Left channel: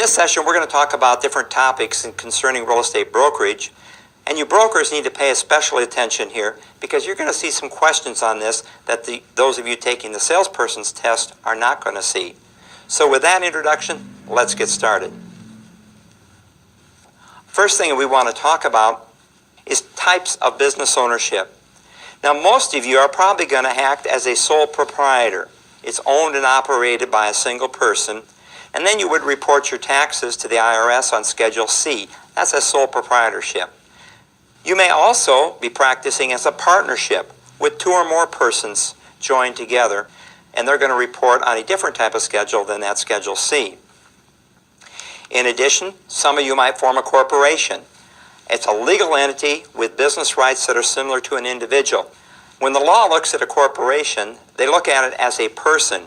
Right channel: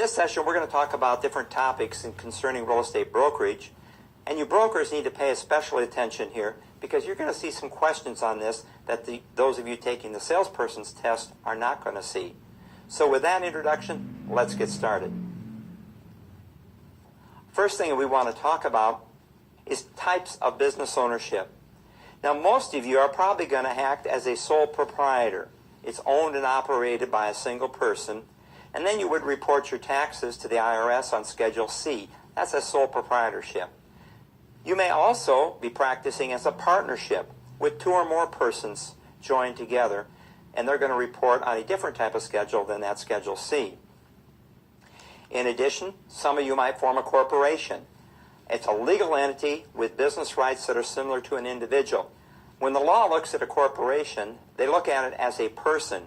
In this session, we're going to talk about different topics concerning real estate brokerage. And you brokers need to pay especial attention here because you're going to see some questions on this that those of you taking the salesperson's test are not going to see. So with that introduction, let's get started. First thing we want to talk about is types of business ownership. Now, most of you are probably going to act as a sole proprietor. It's owned and operated by a single person. And then you would report your taxes to the IRS on Schedule C. That's a sole proprietorship. You may also be practicing as a partnership with two or more persons joined together, and they're going to report on a different type of schedule than that Schedule C. In addition, some of you might form a corporation. It's a legal entity with business rights that are similar to an individual. When the law looks at a corporation, they look at it as a person.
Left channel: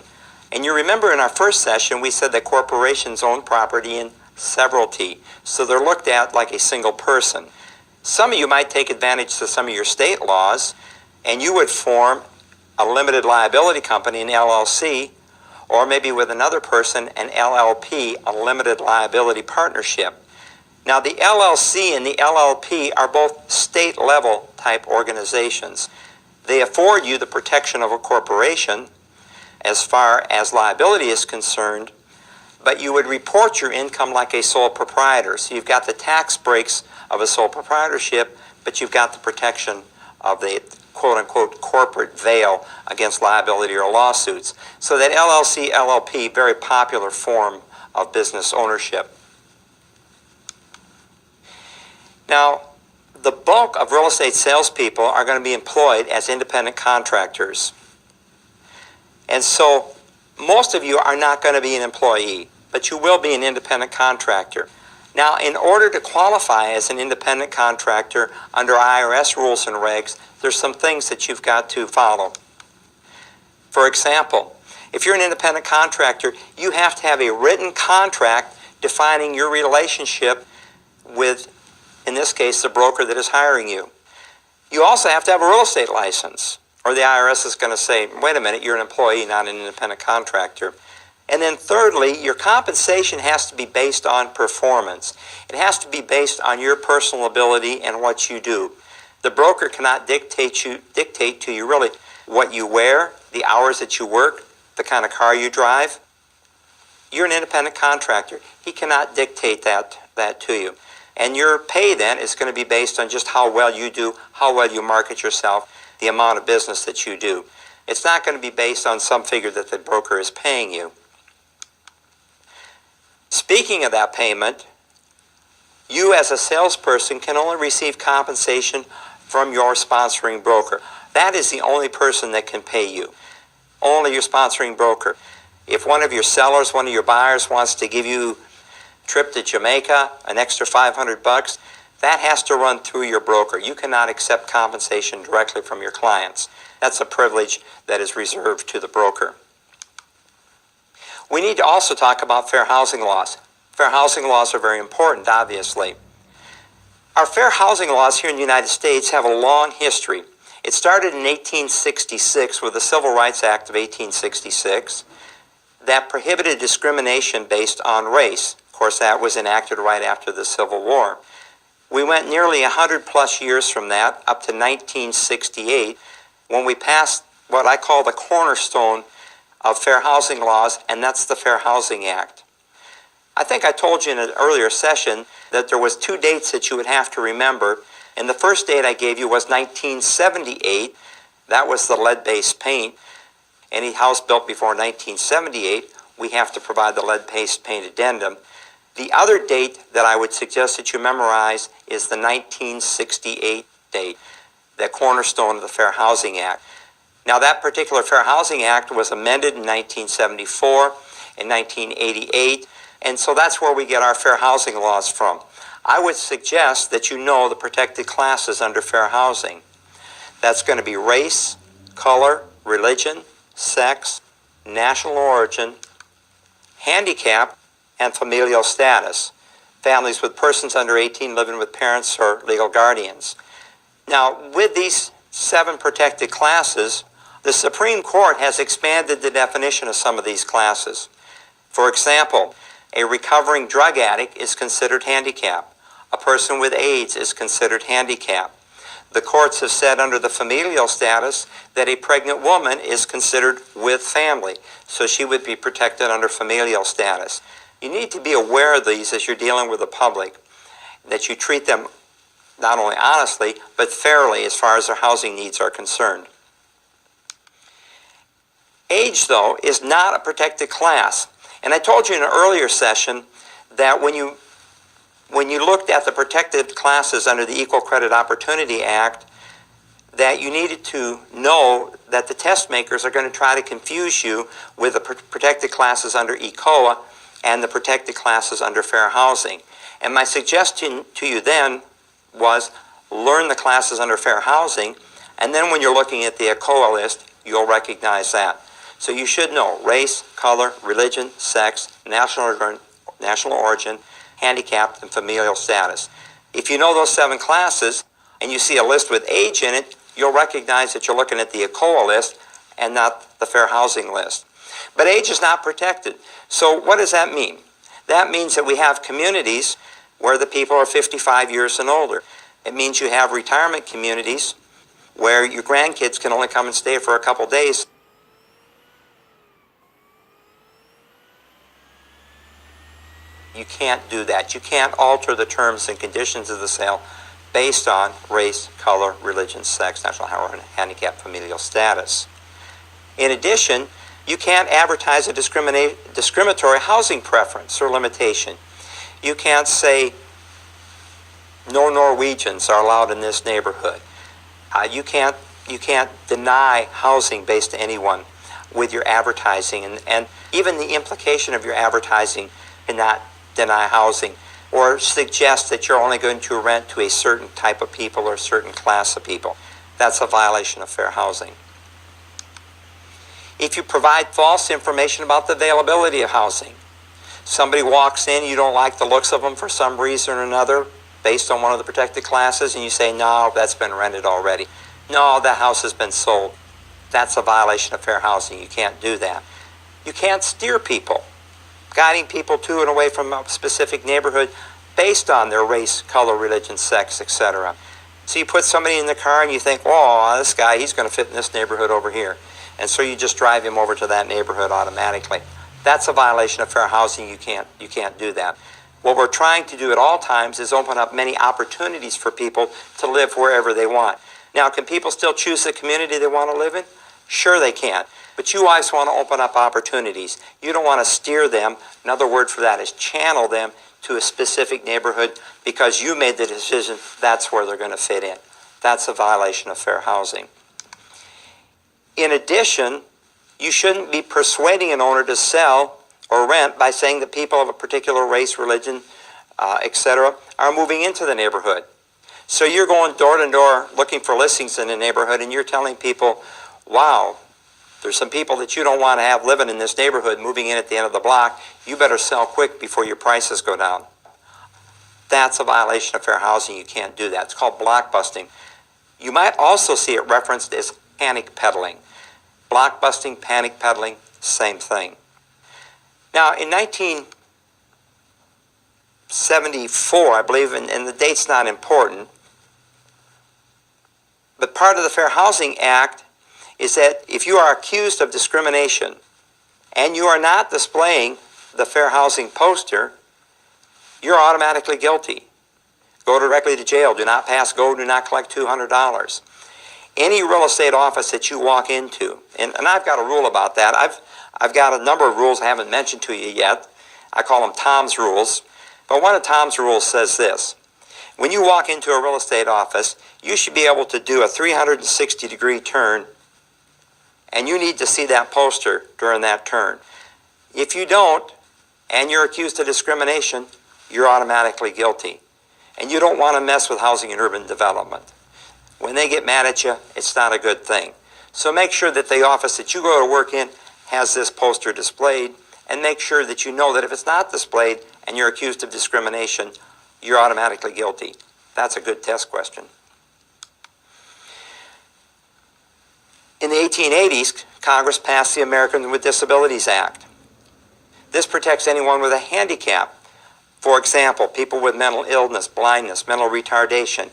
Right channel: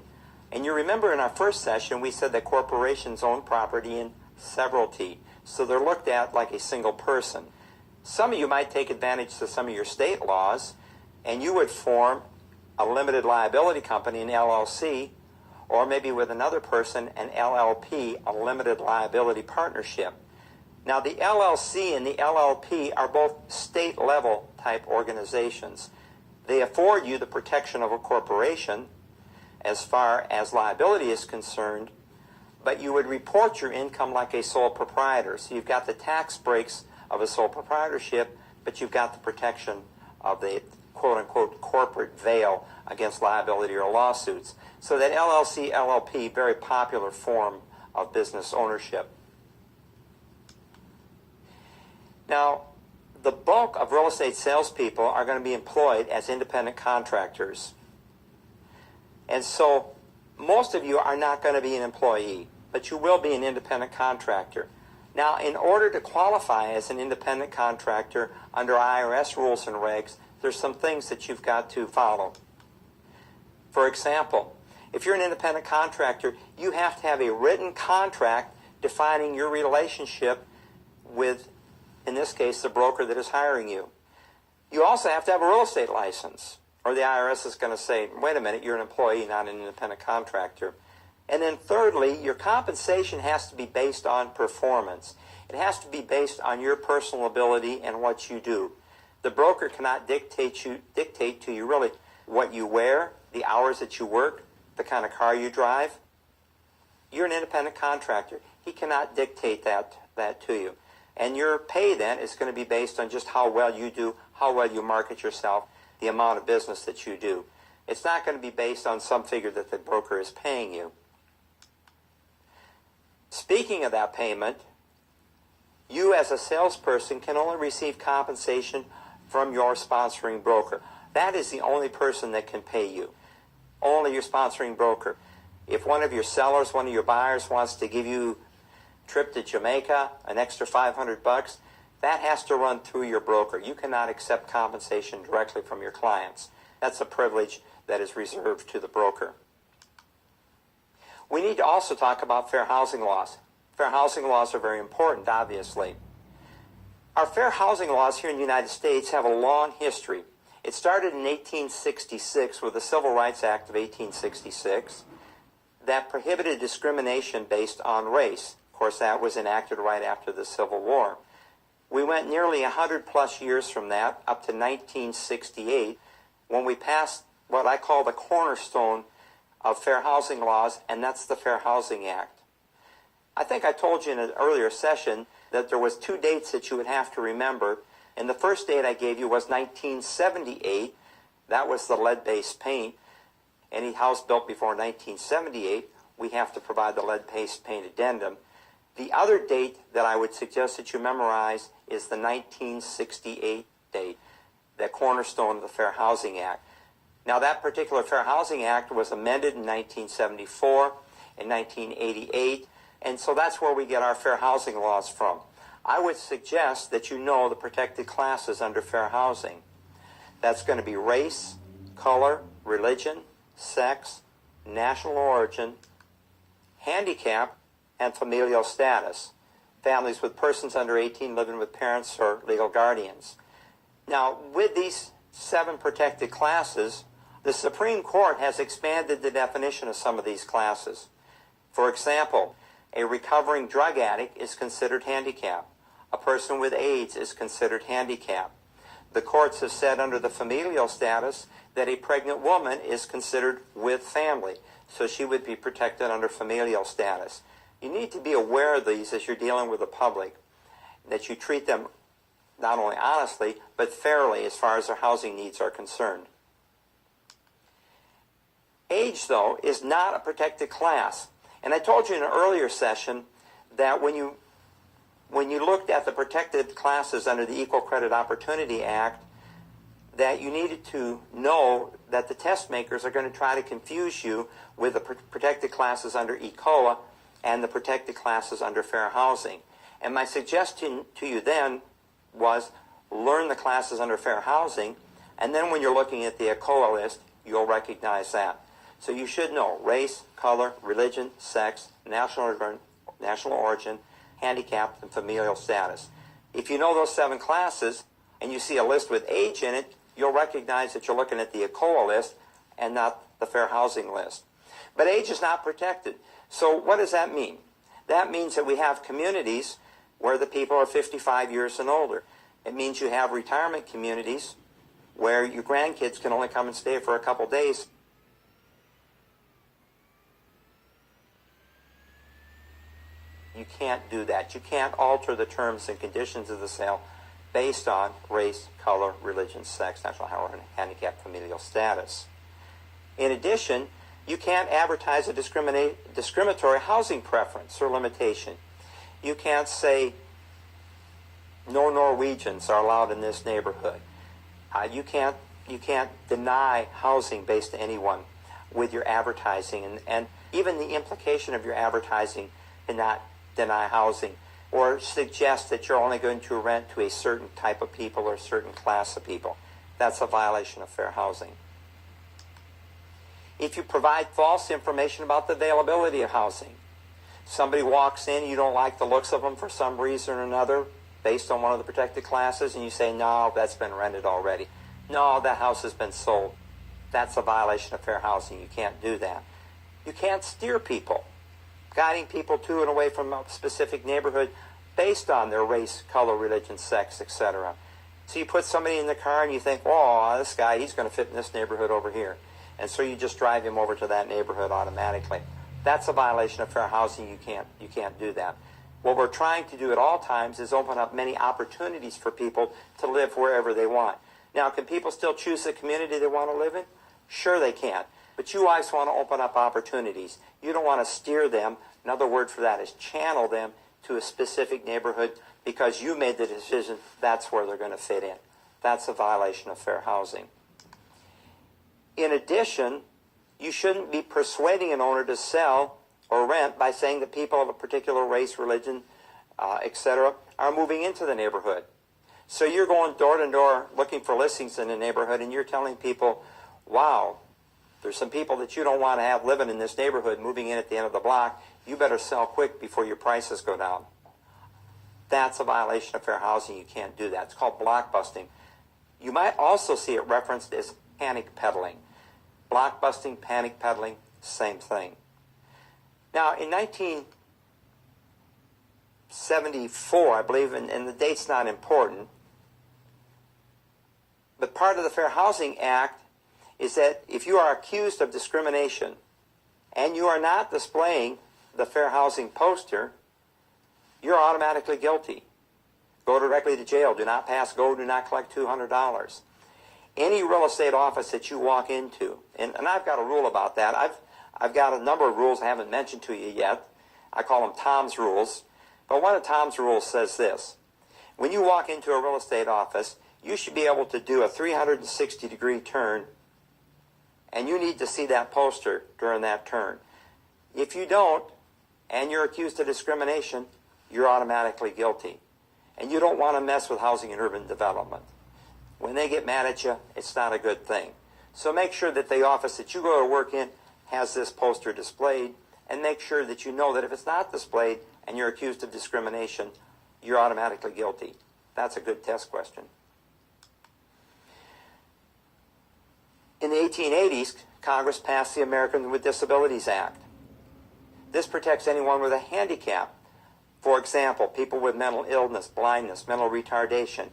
And you remember in our first session, we said that corporations own property in severalty. So they're looked at like a single person. Some of you might take advantage of some of your state laws, and you would form a limited liability company, an LLC, or maybe with another person, an LLP, a limited liability partnership. Now, the LLC and the LLP are both state-level type organizations. They afford you the protection of a corporation as far as liability is concerned, but you would report your income like a sole proprietor. So you've got the tax breaks of a sole proprietorship, but you've got the protection of the quote-unquote corporate veil against liability or lawsuits. So that LLC, LLP, very popular form of business ownership. Now, the bulk of real estate salespeople are going to be employed as independent contractors. And so most of you are not going to be an employee, but you will be an independent contractor. Now, in order to qualify as an independent contractor under IRS rules and regs, there's some things that you've got to follow. For example, if you're an independent contractor, you have to have a written contract defining your relationship with, in this case, the broker that is hiring you. You also have to have a real estate license, or the IRS is going to say, wait a minute, you're an employee, not an independent contractor. And then thirdly, your compensation has to be based on performance. It has to be based on your personal ability and what you do. The broker cannot dictate to you really what you wear, the hours that you work, the kind of car you drive. You're an independent contractor. He cannot dictate that to you. And your pay then is going to be based on just how well you do, how well you market yourself, the amount of business that you do. It's not going to be based on some figure that the broker is paying you. Speaking of that payment, you as a salesperson can only receive compensation from your sponsoring broker. That is the only person that can pay you. Only your sponsoring broker. If one of your sellers, one of your buyers wants to give you a trip to Jamaica, an extra $500, that has to run through your broker. You cannot accept compensation directly from your clients. That's a privilege that is reserved to the broker. We need to also talk about fair housing laws. Fair housing laws are very important, obviously. Our fair housing laws here in the United States have a long history. It started in 1866 with the Civil Rights Act of 1866 that prohibited discrimination based on race. Of course, that was enacted right after the Civil War. We went nearly 100 plus years from that up to 1968 when we passed what I call the cornerstone of fair housing laws, and that's the Fair Housing Act. I think I told you in an earlier session that there was two dates that you would have to remember, and the first date I gave you was 1978. That was the lead-based paint. Any house built before 1978, we have to provide the lead-based paint addendum. The other date that I would suggest that you memorize is the 1968 date, the cornerstone of the Fair Housing Act. Now, that particular Fair Housing Act was amended in 1974, in 1988, and so that's where we get our fair housing laws from. I would suggest that you know the protected classes under fair housing. That's going to be race, color, religion, sex, national origin, handicap, and familial status. Families with persons under 18 living with parents or legal guardians. Now, with these 7 protected classes, the Supreme Court has expanded the definition of some of these classes. For example, A recovering drug addict is considered handicapped. A person with AIDS is considered handicapped. The courts have said under the familial status that a pregnant woman is considered with family, so she would be protected under familial status. You need to be aware of these as you're dealing with the public, that you treat them not only honestly, but fairly as far as their housing needs are concerned. Age, though, is not a protected class. And I told you in an earlier session that when you looked at the protected classes under the Equal Credit Opportunity Act, that you needed to know that the test makers are going to try to confuse you with the protected classes under ECOA and the protected classes under Fair Housing. And my suggestion to you then was learn the classes under Fair Housing, and then when you're looking at the ECOA list, you'll recognize that. So you should know race, color, religion, sex, national origin, handicapped, and familial status. If you know those 7 classes and you see a list with age in it, you'll recognize that you're looking at the ECOA list and not the Fair Housing list. But age is not protected. So what does that mean? That means that we have communities where the people are 55 years and older. It means you have retirement communities where your grandkids can only come and stay for a couple days. You can't do that. You can't alter the terms and conditions of the sale based on race, color, religion, sex, national origin, handicap, familial status. In addition, you can't advertise a discriminatory housing preference or limitation. You can't say no Norwegians are allowed in this neighborhood. You can't deny housing based to anyone with your advertising, and even the implication of your advertising cannot deny housing or suggest that you're only going to rent to a certain type of people or a certain class of people. That's a violation of fair housing. If you provide false information about the availability of housing, somebody walks in, you don't like the looks of them for some reason or another, based on one of the protected classes, and you say, no, that's been rented already. No, that house has been sold. That's a violation of fair housing. You can't do that. You can't steer people, guiding people to and away from a specific neighborhood based on their race, color, religion, sex, etc. So you put somebody in the car and you think, oh, this guy, he's going to fit in this neighborhood over here. And so you just drive him over to that neighborhood automatically. That's a violation of fair housing. You can't do that. What we're trying to do at all times is open up many opportunities for people to live wherever they want. Now, can people still choose the community they want to live in? Sure they can. But you always want to open up opportunities. You don't want to steer them. Another word for that is channel them to a specific neighborhood because you made the decision that's where they're going to fit in. That's a violation of fair housing. In addition, you shouldn't be persuading an owner to sell or rent by saying that people of a particular race, religion, etc., are moving into the neighborhood. So you're going door to door looking for listings in the neighborhood, and you're telling people, wow, there's some people that you don't want to have living in this neighborhood moving in at the end of the block. You better sell quick before your prices go down. That's a violation of fair housing. You can't do that. It's called blockbusting. You might also see it referenced as panic peddling. Blockbusting, panic peddling, same thing. Now, in 1974, I believe, and the date's not important, but part of the Fair Housing Act is that if you are accused of discrimination and you are not displaying the fair housing poster, you're automatically guilty. Go directly to jail. Do not pass go. Do not collect $200. Any real estate office that you walk into, and I've got a rule about that. I've got a number of rules I haven't mentioned to you yet. I call them Tom's rules. But one of Tom's rules says this. When you walk into a real estate office, you should be able to do a 360-degree turn, and you need to see that poster during that turn. If you don't, and you're accused of discrimination, you're automatically guilty. And you don't want to mess with housing and urban development. When they get mad at you, it's not a good thing. So make sure that the office that you go to work in has this poster displayed, and make sure that you know that if it's not displayed and you're accused of discrimination, you're automatically guilty. That's a good test question. In the 1880s, Congress passed the Americans with Disabilities Act. This protects anyone with a handicap. For example, people with mental illness, blindness, mental retardation,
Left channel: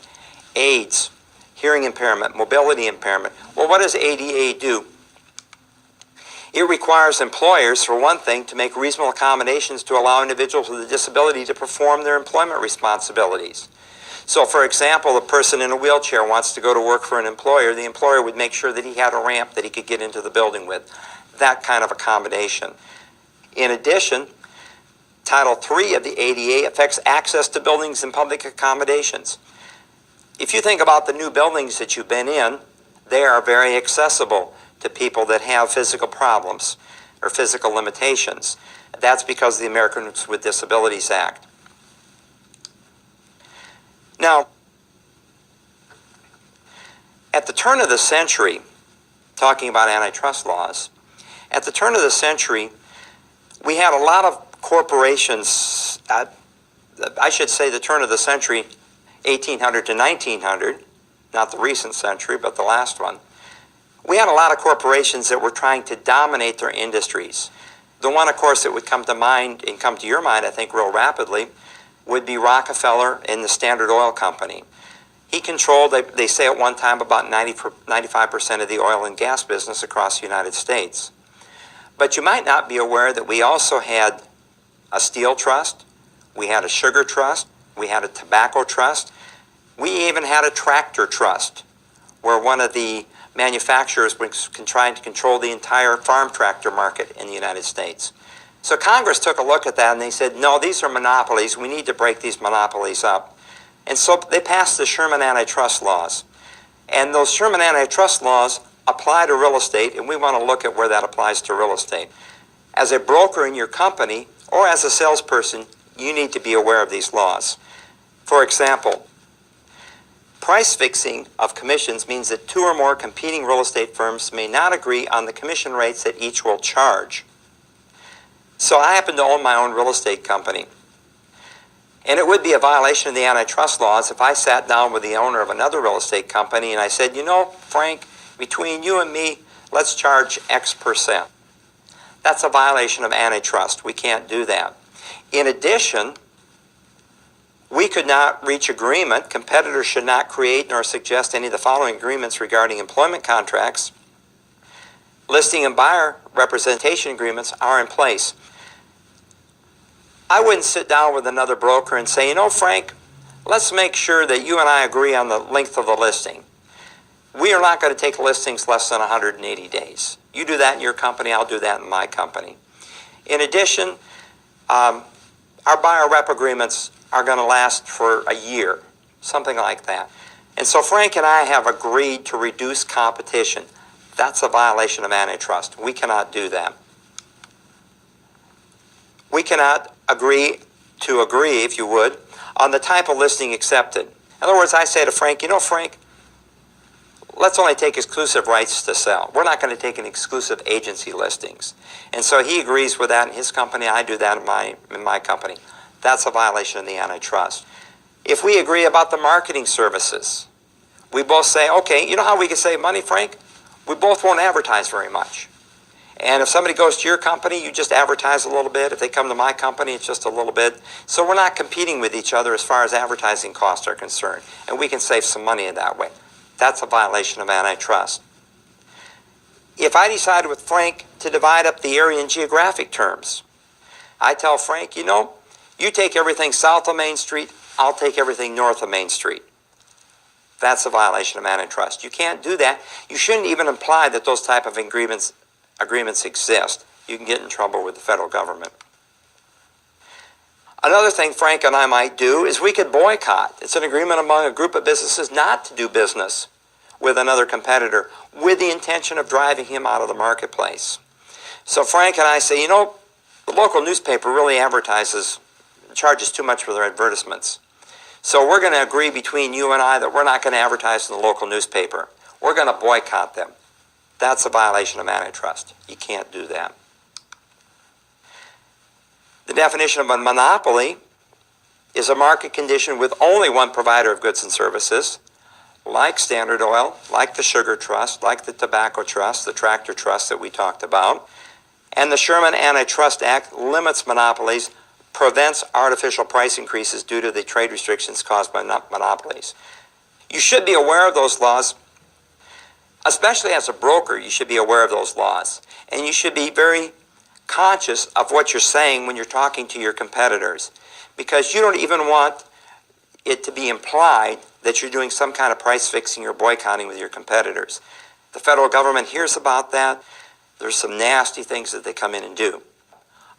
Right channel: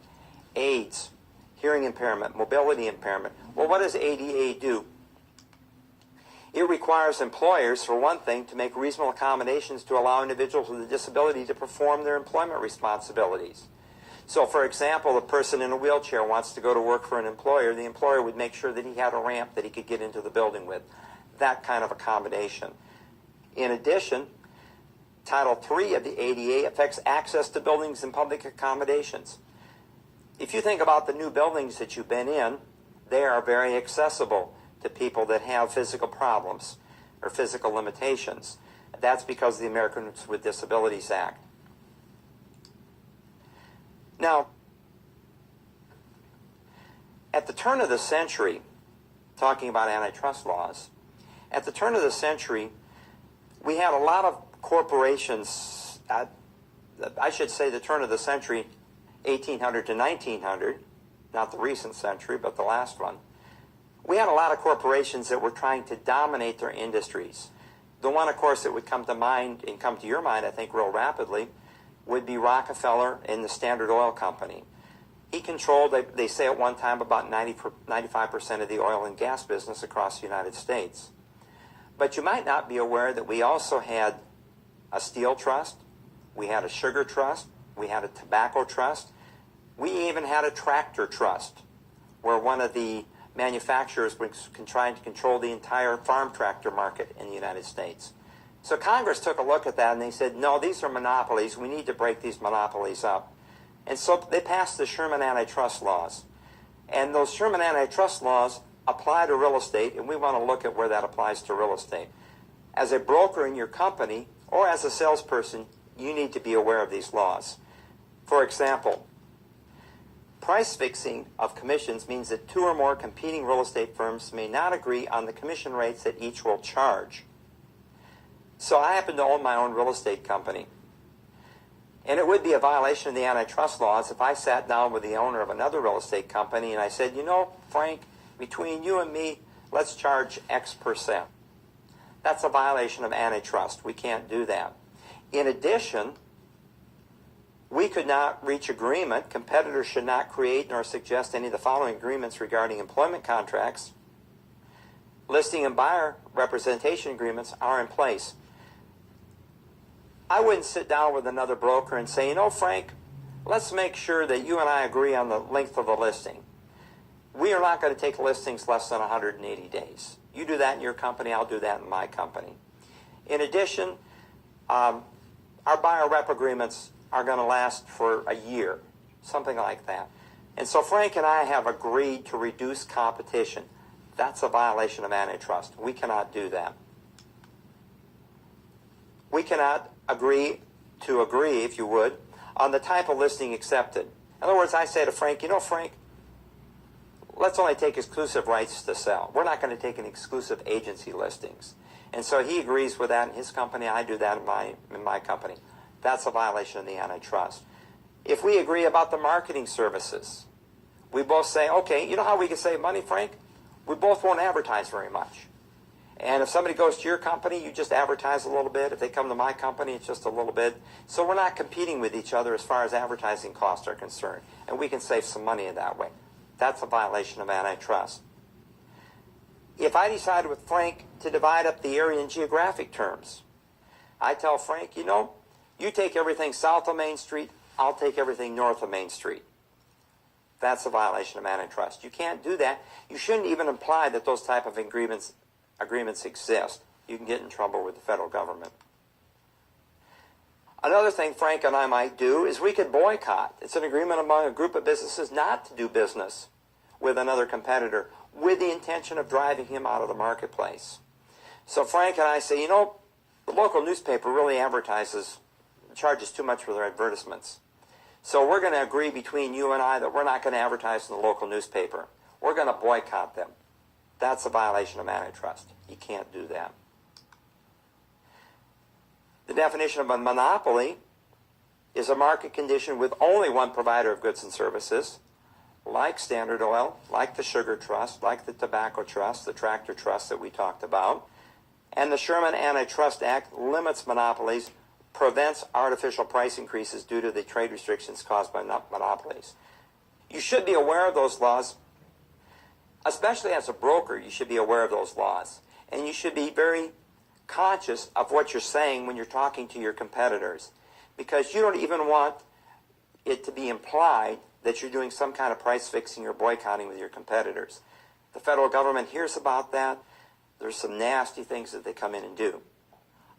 AIDS, hearing impairment, mobility impairment. Well, what does ADA do? It requires employers, for one thing, to make reasonable accommodations to allow individuals with a disability to perform their employment responsibilities. So, for example, a person in a wheelchair wants to go to work for an employer. The employer would make sure that he had a ramp that he could get into the building with. That kind of accommodation. In addition, Title III of the ADA affects access to buildings and public accommodations. If you think about the new buildings that you've been in, they are very accessible to people that have physical problems or physical limitations. That's because of the Americans with Disabilities Act. Now, at the turn of the century, talking about antitrust laws, at the turn of the century, we had a lot of corporations, I should say the turn of the century, 1800 to 1900, not the recent century, but the last one. We had a lot of corporations that were trying to dominate their industries. The one, of course, that would come to mind and come to your mind, I think, real rapidly, would be Rockefeller and the Standard Oil Company. He controlled, they say at one time, about 95% of the oil and gas business across the United States. But you might not be aware that we also had a steel trust, we had a sugar trust, we had a tobacco trust, we even had a tractor trust, where one of the manufacturers was trying to control the entire farm tractor market in the United States. So Congress took a look at that and they said, no, these are monopolies. We need to break these monopolies up. And so they passed the Sherman antitrust laws. And those Sherman antitrust laws apply to real estate, and we want to look at where that applies to real estate. As a broker in your company or as a salesperson, you need to be aware of these laws. For example, price fixing of commissions means that two or more competing real estate firms may not agree on the commission rates that each will charge. So I happen to own my own real estate company. And it would be a violation of the antitrust laws if I sat down with the owner of another real estate company and I said, you know, Frank, between you and me, let's charge X%. That's a violation of antitrust. We can't do that. In addition, we could not reach agreement. Competitors should not create nor suggest any of the following agreements regarding employment contracts. Listing and buyer representation agreements are in place. I wouldn't sit down with another broker and say, you know, Frank, let's make sure that you and I agree on the length of the listing. We are not going to take listings less than 180 days. You do that in your company, I'll do that in my company. In addition, our buyer rep agreements are going to last for a year, something like that. And so Frank and I have agreed to reduce competition. That's a violation of antitrust. We cannot do that. We cannot agree, if you would, on the type of listing accepted. In other words, I say to Frank, you know, Frank, let's only take exclusive rights to sell. We're not going to take an exclusive agency listings. And so he agrees with that in his company. I do that in my company. That's a violation of the antitrust. If we agree about the marketing services, we both say, okay, you know how we can save money, Frank? We both won't advertise very much. And if somebody goes to your company, you just advertise a little bit. If they come to my company, it's just a little bit. So we're not competing with each other as far as advertising costs are concerned. And we can save some money in that way. That's a violation of antitrust. If I decide with Frank to divide up the area in geographic terms, I tell Frank, you know, you take everything south of Main Street, I'll take everything north of Main Street. That's a violation of antitrust. You can't do that. You shouldn't even imply that those type of agreements exist. You can get in trouble with the federal government. Another thing Frank and I might do is we could boycott. It's an agreement among a group of businesses not to do business with another competitor with the intention of driving him out of the marketplace. So Frank and I say, you know, the local newspaper really charges too much for their advertisements. So we're going to agree between you and I that we're not going to advertise in the local newspaper. We're going to boycott them. That's a violation of antitrust. You can't do that. The definition of a monopoly is a market condition with only one provider of goods and services, like Standard Oil, like the Sugar Trust, like the Tobacco Trust, the Tractor Trust that we talked about. And the Sherman Antitrust Act limits monopolies, prevents artificial price increases due to the trade restrictions caused by monopolies. You should be aware of those laws. Especially as a broker, you should be aware of those laws. And you should be very conscious of what you're saying when you're talking to your competitors, because you don't even want it to be implied that you're doing some kind of price fixing or boycotting with your competitors. The federal government hears about that. There's some nasty things that they come in and do.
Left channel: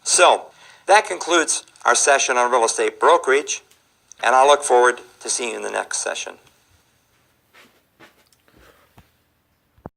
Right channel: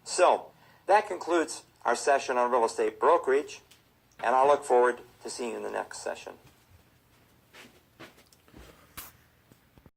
So that concludes our session on real estate brokerage, and I look forward to seeing you in the next session.